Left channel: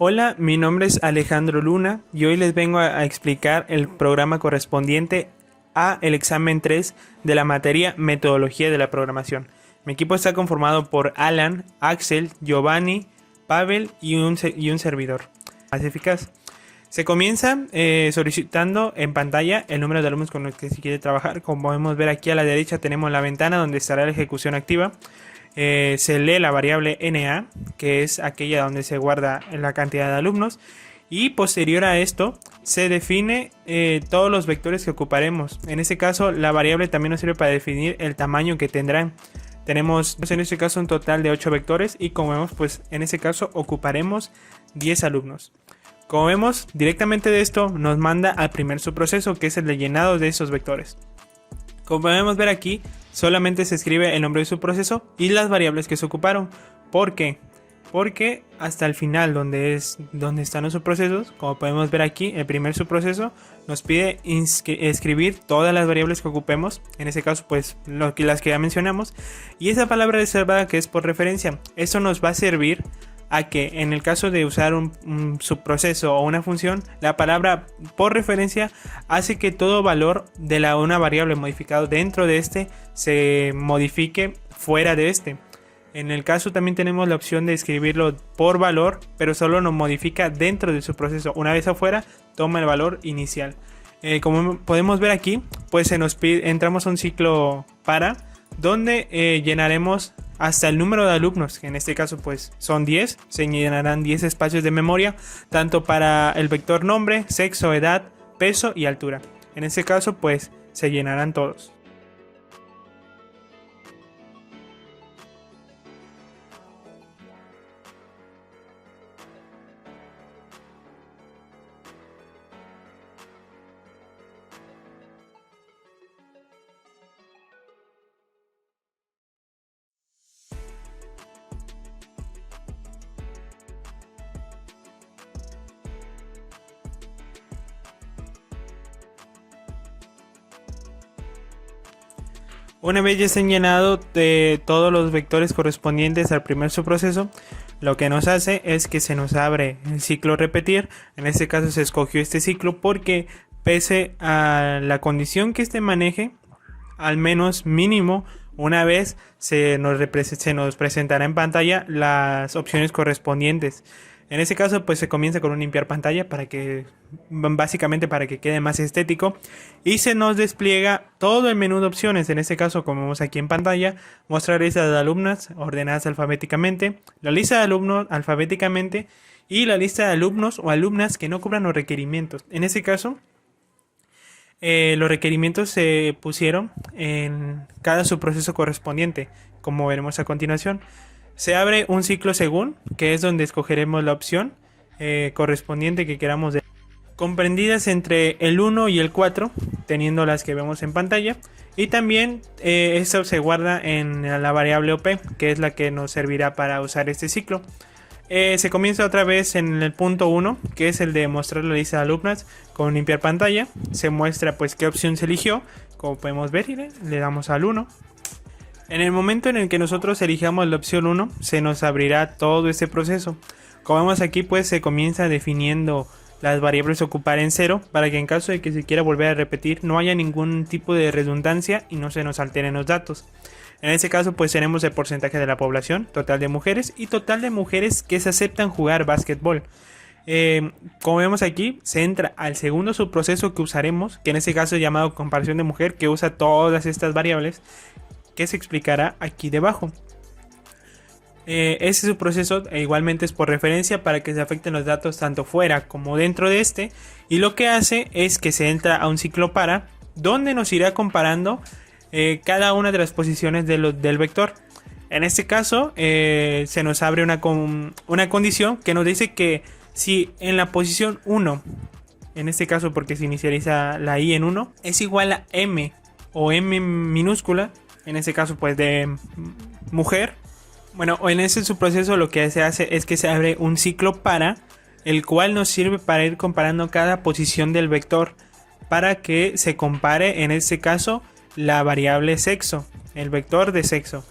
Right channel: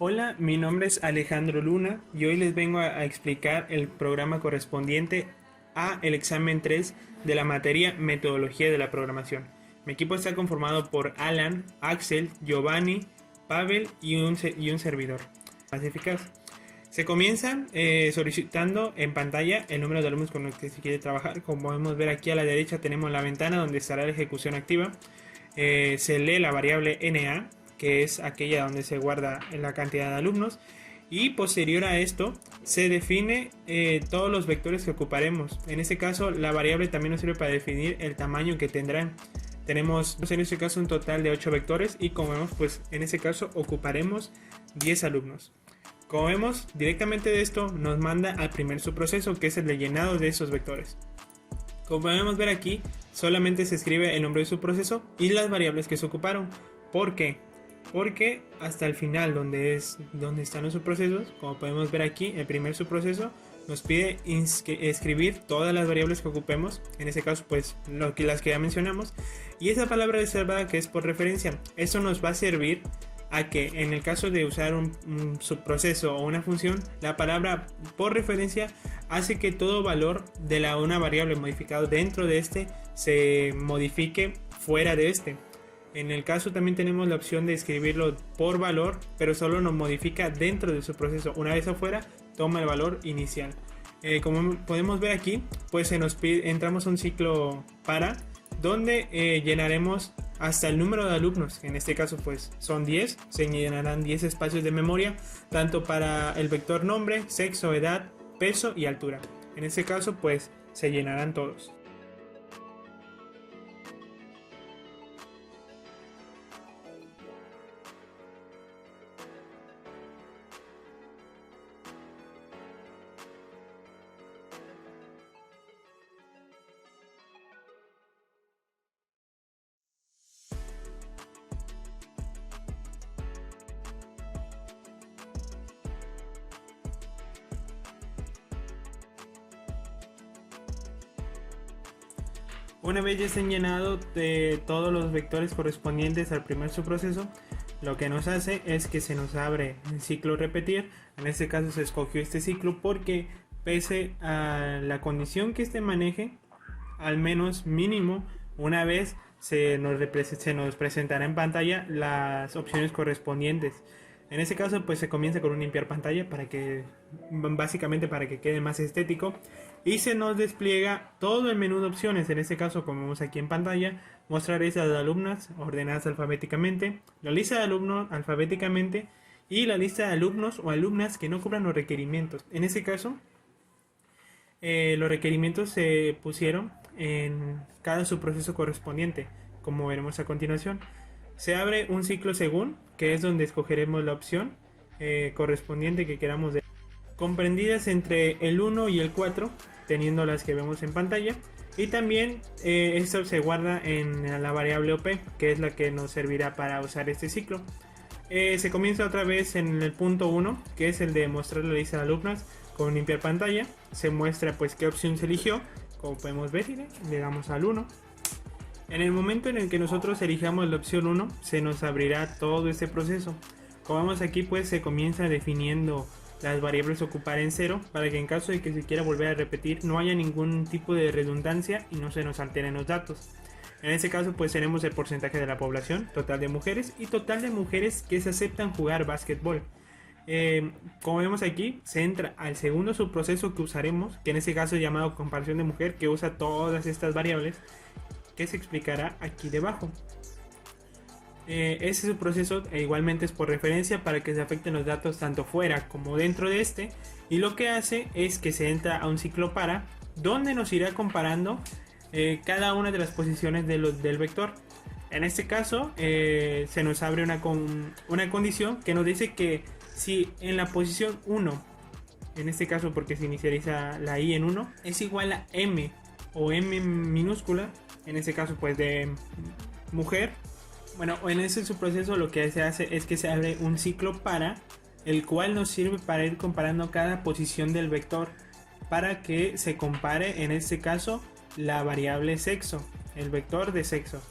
Hola, mi nombre es Alejandro Luna y hoy les vengo a explicar el programa correspondiente a el examen 3 de la materia Metodología de la Programación. Mi equipo está conformado por Alan, Axel, Giovanni, Pavel y un servidor. Más eficaz. Se comienza solicitando en pantalla el número de alumnos con los que se quiere trabajar. Como podemos ver aquí a la derecha tenemos la ventana donde estará la ejecución activa. Se lee la variable NA, que es aquella donde se guarda la cantidad de alumnos, y posterior a esto se define todos los vectores que ocuparemos. En este caso la variable también nos sirve para definir el tamaño que tendrán. Tenemos en este caso un total de 8 vectores y como vemos pues en este caso ocuparemos 10 alumnos. Como vemos directamente de esto nos manda al primer subproceso, que es el de llenado de esos vectores. Como podemos ver aquí, solamente se escribe el nombre de su proceso y las variables que se ocuparon. ¿Por qué? Porque hasta el final, donde están los subprocesos, como podemos ver aquí, el primer subproceso nos pide escribir todas las variables que ocupemos, en este caso pues las que ya mencionamos, y esa palabra reservada que es por referencia, eso nos va a servir a que en el caso de usar un subproceso o una función, la palabra por referencia hace que todo valor de una variable modificado dentro de este se modifique fuera de este. En el caso también tenemos la opción de escribirlo por valor, pero solo nos modifica dentro de su proceso. Una vez afuera, toma el valor inicial. Como podemos ver aquí, pues se nos pide, entramos a un ciclo para, donde llenaremos hasta el número de alumnos, que en este caso pues son 10, se llenarán 10 espacios de memoria, tanto para el vector nombre, sexo, edad, peso y altura. En este caso pues se llenarán todos. Una vez ya estén llenados de todos los vectores correspondientes al primer subproceso, lo que nos hace es que se nos abre el ciclo repetir. En este caso se escogió este ciclo porque pese a la condición que este maneje, al menos mínimo una vez se nos presentará en pantalla las opciones correspondientes. En este caso pues se comienza con un limpiar pantalla básicamente para que quede más estético, y se nos despliega todo el menú de opciones. En este caso, como vemos aquí en pantalla, mostrar lista de alumnas ordenadas alfabéticamente, la lista de alumnos alfabéticamente y la lista de alumnos o alumnas que no cubran los requerimientos. En este caso los requerimientos se pusieron en cada subproceso correspondiente, como veremos a continuación. Se abre un ciclo según, que es donde escogeremos la opción correspondiente que queramos, comprendidas entre el 1 y el 4, teniendo las que vemos en pantalla. Y también esto se guarda en la variable OP, que es la que nos servirá para usar este ciclo. Se comienza otra vez en el punto 1, que es el de mostrar la lista de alumnas con limpiar pantalla. Se muestra pues qué opción se eligió, como podemos ver, y le damos al 1. En el momento en el que nosotros elijamos la opción 1, se nos abrirá todo este proceso. Como vemos aquí, pues se comienza definiendo las variables a ocupar en 0, para que en caso de que se quiera volver a repetir no haya ningún tipo de redundancia y no se nos alteren los datos. En este caso pues tenemos el porcentaje de la población, total de mujeres y total de mujeres que se aceptan jugar básquetbol. Como vemos aquí, se entra al segundo subproceso que usaremos, que en este caso es llamado comparación de mujer, que usa todas estas variables, que se explicará aquí debajo. Ese subproceso igualmente es por referencia para que se afecten los datos tanto fuera como dentro de este, y lo que hace es que se entra a un ciclo para, donde nos irá comparando cada una de las posiciones del vector. En este caso se nos abre una condición que nos dice que si en la posición 1, en este caso porque se inicializa la i en 1, es igual a m o m minúscula, en este caso pues de mujer, bueno, en ese subproceso lo que se hace es que se abre un ciclo para, el cual nos sirve para ir comparando cada posición del vector, para que se compare en este caso la variable sexo, el vector de sexo,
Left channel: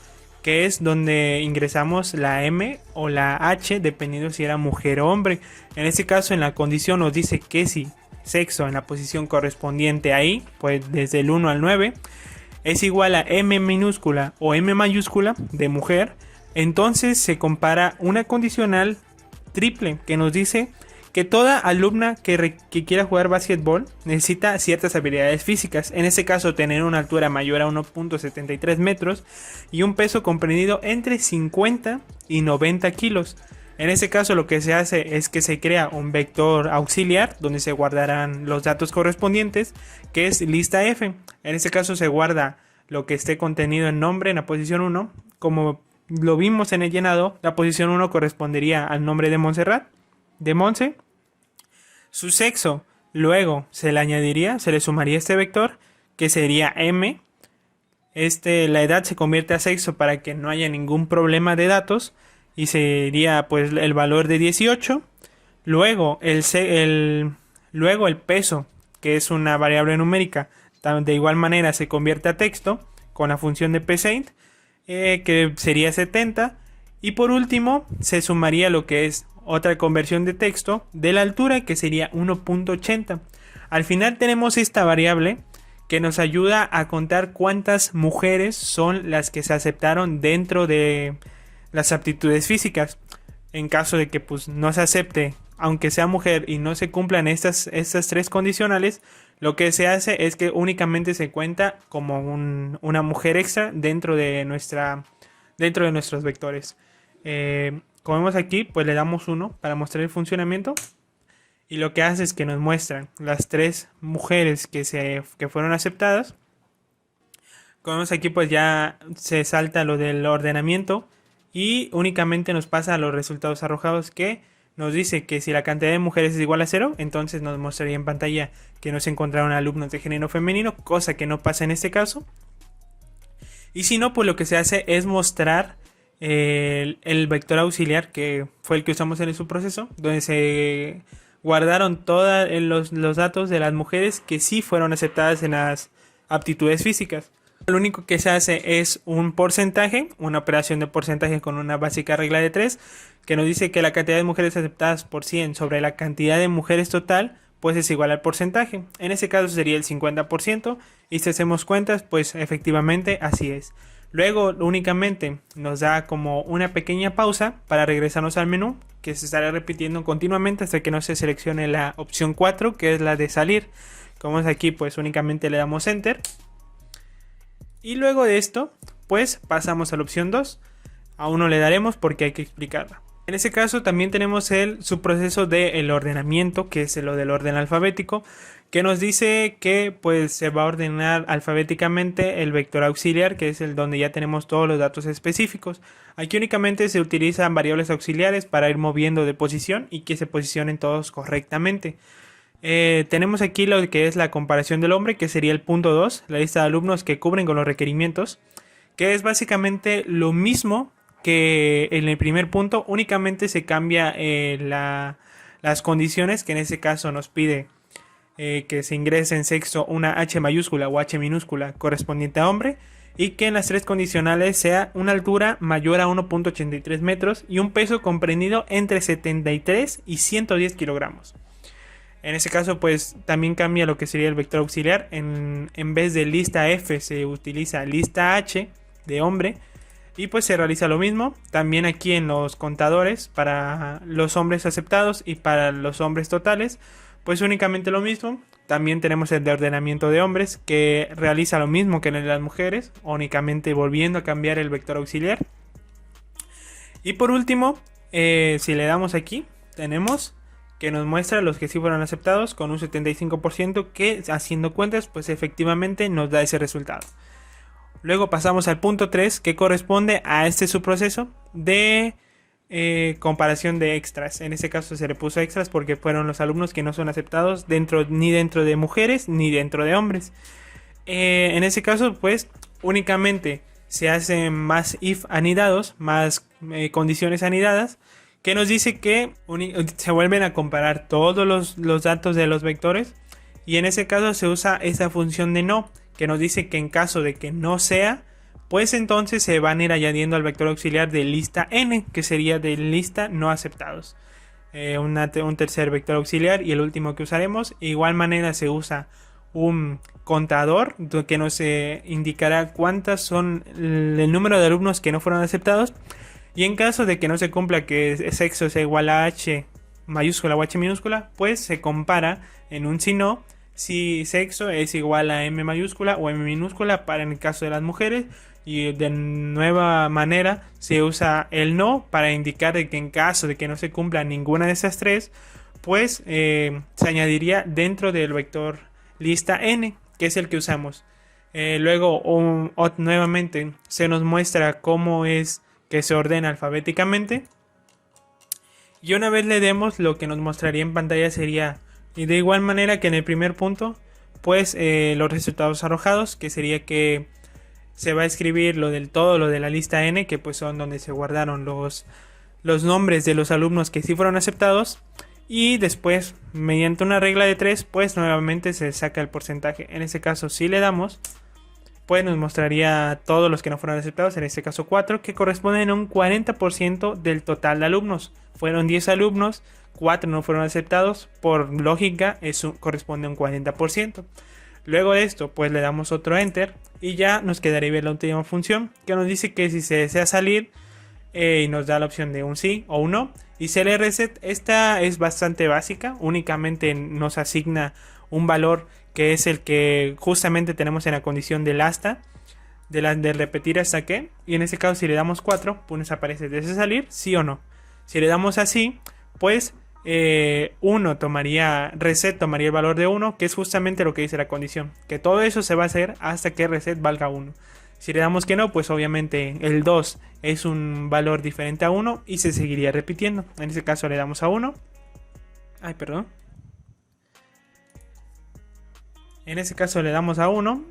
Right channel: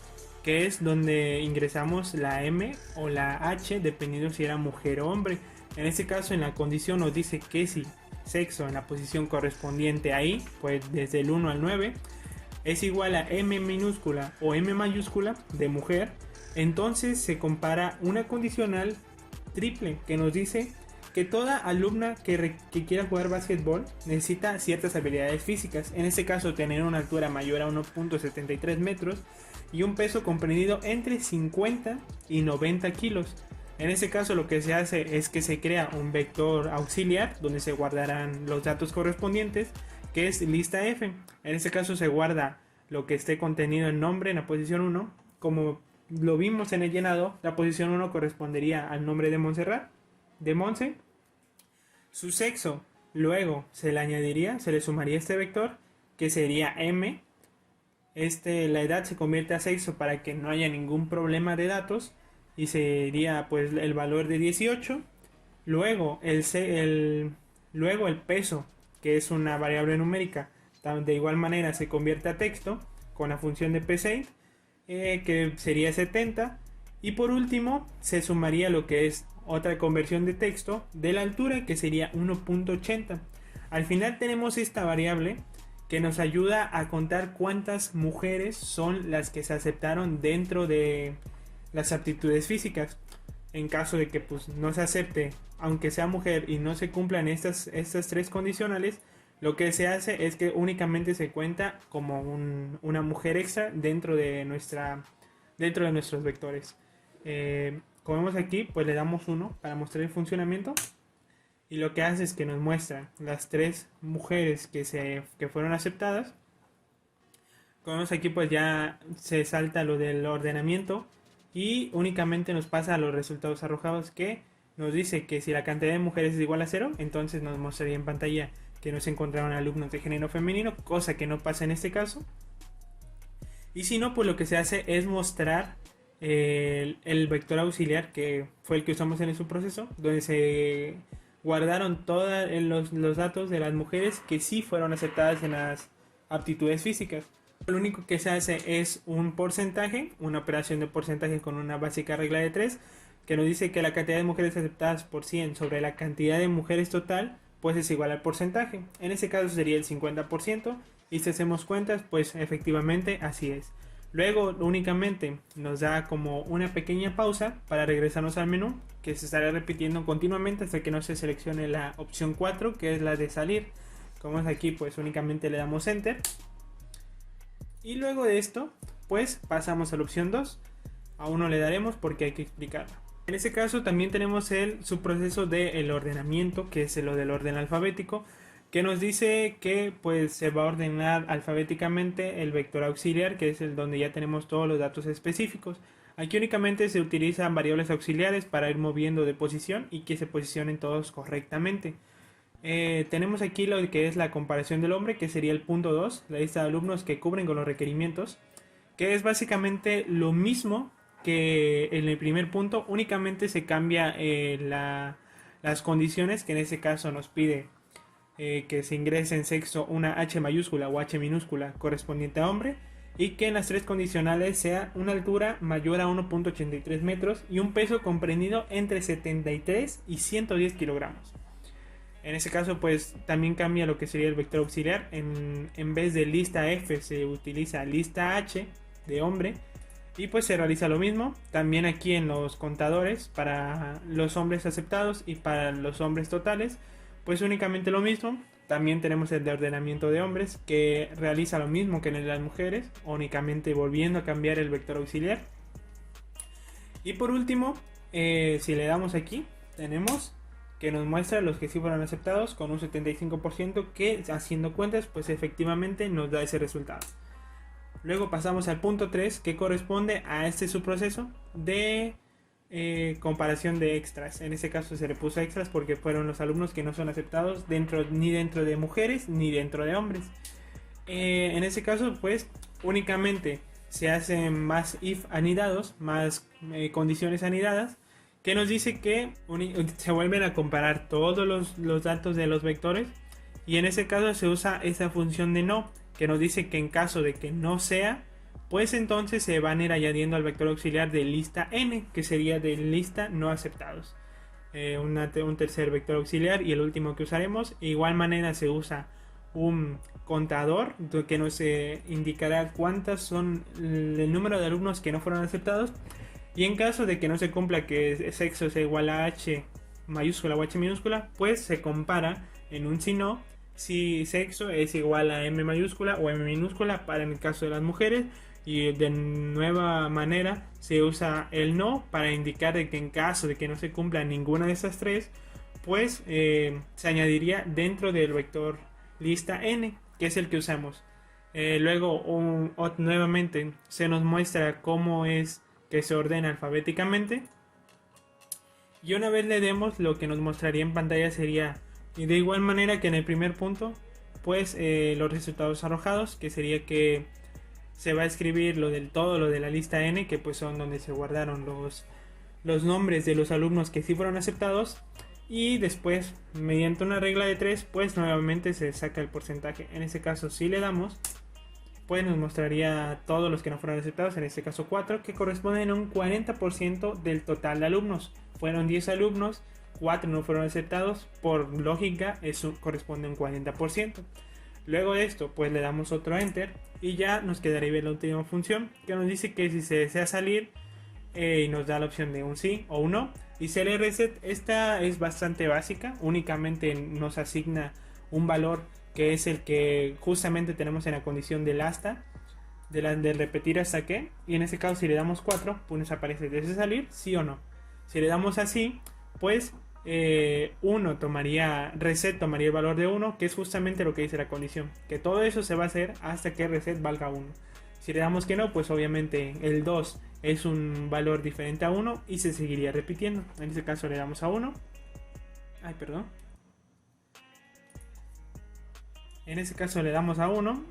que es donde ingresamos la M o la H, dependiendo si era mujer o hombre. En este caso, en la condición nos dice que si sexo en la posición correspondiente ahí, pues desde el 1 al 9, es igual a M minúscula o M mayúscula de mujer, entonces se compara una condicional triple que nos dice que toda alumna que quiera jugar básquetbol necesita ciertas habilidades físicas. En este caso, tener una altura mayor a 1.73 metros y un peso comprendido entre 50 y 90 kilos. En este caso, lo que se hace es que se crea un vector auxiliar donde se guardarán los datos correspondientes, que es lista F. En este caso se guarda lo que esté contenido en nombre en la posición 1. Como lo vimos en el llenado, la posición 1 correspondería al nombre de Montserrat, de Monse. Su sexo, luego se le sumaría este vector, que sería M. La edad se convierte a sexo para que no haya ningún problema de datos, y sería pues el valor de 18. Luego luego el peso, que es una variable numérica, de igual manera se convierte a texto con la función de psaint, que sería 70. Y por último se sumaría lo que es otra conversión de texto de la altura, que sería 1.80. Al final tenemos esta variable que nos ayuda a contar cuántas mujeres son las que se aceptaron dentro de las aptitudes físicas. En caso de que pues no se acepte, aunque sea mujer, y no se cumplan estas tres condicionales, lo que se hace es que únicamente se cuenta como una mujer extra dentro de nuestros vectores. Como vemos aquí, pues le damos 1 para mostrar el funcionamiento, y lo que hace es que nos muestran las 3 mujeres que fueron aceptadas. Como vemos aquí, pues ya se salta lo del ordenamiento y únicamente nos pasa a los resultados arrojados, que nos dice que si la cantidad de mujeres es igual a 0, entonces nos mostraría en pantalla que no se encontraron alumnos de género femenino, cosa que no pasa en este caso. Y si no, pues lo que se hace es mostrar el vector auxiliar, que fue el que usamos en el subproceso, donde se guardaron todos los datos de las mujeres que sí fueron aceptadas en las aptitudes físicas. Lo único que se hace es un porcentaje, una operación de porcentaje con una básica regla de 3, que nos dice que la cantidad de mujeres aceptadas por 100 sobre la cantidad de mujeres total, pues es igual al porcentaje. En ese caso sería el 50%, y si hacemos cuentas, pues efectivamente así es. Luego únicamente nos da como una pequeña pausa para regresarnos al menú, que se estará repitiendo continuamente hasta que no se seleccione la opción 4, que es la de salir. Como es aquí, pues únicamente le damos enter. Y luego de esto, pues pasamos a la opción 2. Aún no le daremos porque hay que explicarla. En ese caso también tenemos el subproceso del ordenamiento, que es lo del orden alfabético, que nos dice que pues se va a ordenar alfabéticamente el vector auxiliar, que es el donde ya tenemos todos los datos específicos. Aquí únicamente se utilizan variables auxiliares para ir moviendo de posición y que se posicionen todos correctamente. Tenemos aquí lo que es la comparación del hombre, que sería el punto 2, la lista de alumnos que cubren con los requerimientos, que es básicamente lo mismo que en el primer punto, únicamente se cambia las condiciones, que en este caso nos pide que se ingrese en sexo una H mayúscula o H minúscula correspondiente a hombre, y que en las 3 condicionales sea una altura mayor a 1.83 metros y un peso comprendido entre 73 y 110 kilogramos. En ese caso, pues también cambia lo que sería el vector auxiliar. En vez de lista F se utiliza lista H de hombre, y pues se realiza lo mismo también aquí en los contadores para los hombres aceptados y para los hombres totales, pues únicamente lo mismo. También tenemos el de ordenamiento de hombres, que realiza lo mismo que en el de las mujeres, únicamente volviendo a cambiar el vector auxiliar. Y por último, si le damos aquí, tenemos que nos muestra los que sí fueron aceptados con un 75%, que haciendo cuentas pues efectivamente nos da ese resultado. Luego pasamos al punto 3, que corresponde a este subproceso de comparación de extras. En este caso se le puso extras porque fueron los alumnos que no son aceptados ni dentro de mujeres ni dentro de hombres. En ese caso pues únicamente se hacen más if anidados, más condiciones anidadas, que nos dice que se vuelven a comparar todos los datos de los vectores, y en ese caso se usa esa función de no, que nos dice que en caso de que no sea, pues entonces se van a ir añadiendo al vector auxiliar de lista n, que sería de lista no aceptados. Un tercer vector auxiliar y el último que usaremos. De igual manera se usa un contador que nos indicará cuántas son el número de alumnos que no fueron aceptados, y en caso de que no se cumpla que sexo sea igual a h mayúscula o h minúscula, pues se compara en un si no, si sexo es igual a m mayúscula o m minúscula para en el caso de las mujeres, y de nueva manera se usa el no para indicar de que en caso de que no se cumpla ninguna de esas tres, pues se añadiría dentro del vector lista n, que es el que usamos. Luego nuevamente se nos muestra cómo es que se ordena alfabéticamente, y una vez le demos, lo que nos mostraría en pantalla sería, y de igual manera que en el primer punto, pues los resultados arrojados, que sería que se va a escribir lo de la lista n, que pues son donde se guardaron los nombres de los alumnos que sí fueron aceptados, y después mediante una regla de 3 pues nuevamente se saca el porcentaje. En este caso si le damos, pues nos mostraría todos los que no fueron aceptados, en este caso 4, que corresponden a un 40% del total de alumnos. Fueron 10 alumnos, 4 no fueron aceptados, por lógica eso corresponde a un 40%. Luego de esto, pues le damos otro enter y ya nos quedaría ver la última función, que nos dice que si se desea salir, y nos da la opción de un sí o un no. Y CL reset, esta es bastante básica, únicamente nos asigna un valor que es el que justamente tenemos en la condición del hasta, de repetir hasta que, y en este caso si le damos 4, pues nos aparece desea salir, sí o no. Si le damos así, pues reset tomaría el valor de 1, que es justamente lo que dice la condición, que todo eso se va a hacer hasta que reset valga 1. Si le damos que no, pues obviamente el 2 es un valor diferente a 1 y se seguiría repitiendo. En este caso le damos a 1. En este caso le damos a 1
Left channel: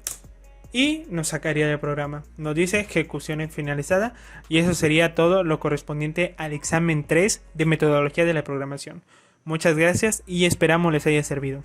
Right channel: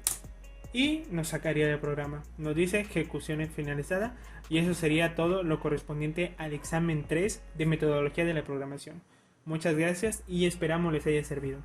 y nos sacaría del programa. Nos dice ejecución finalizada, y eso sería todo lo correspondiente al examen 3 de metodología de la programación. Muchas gracias y esperamos les haya servido.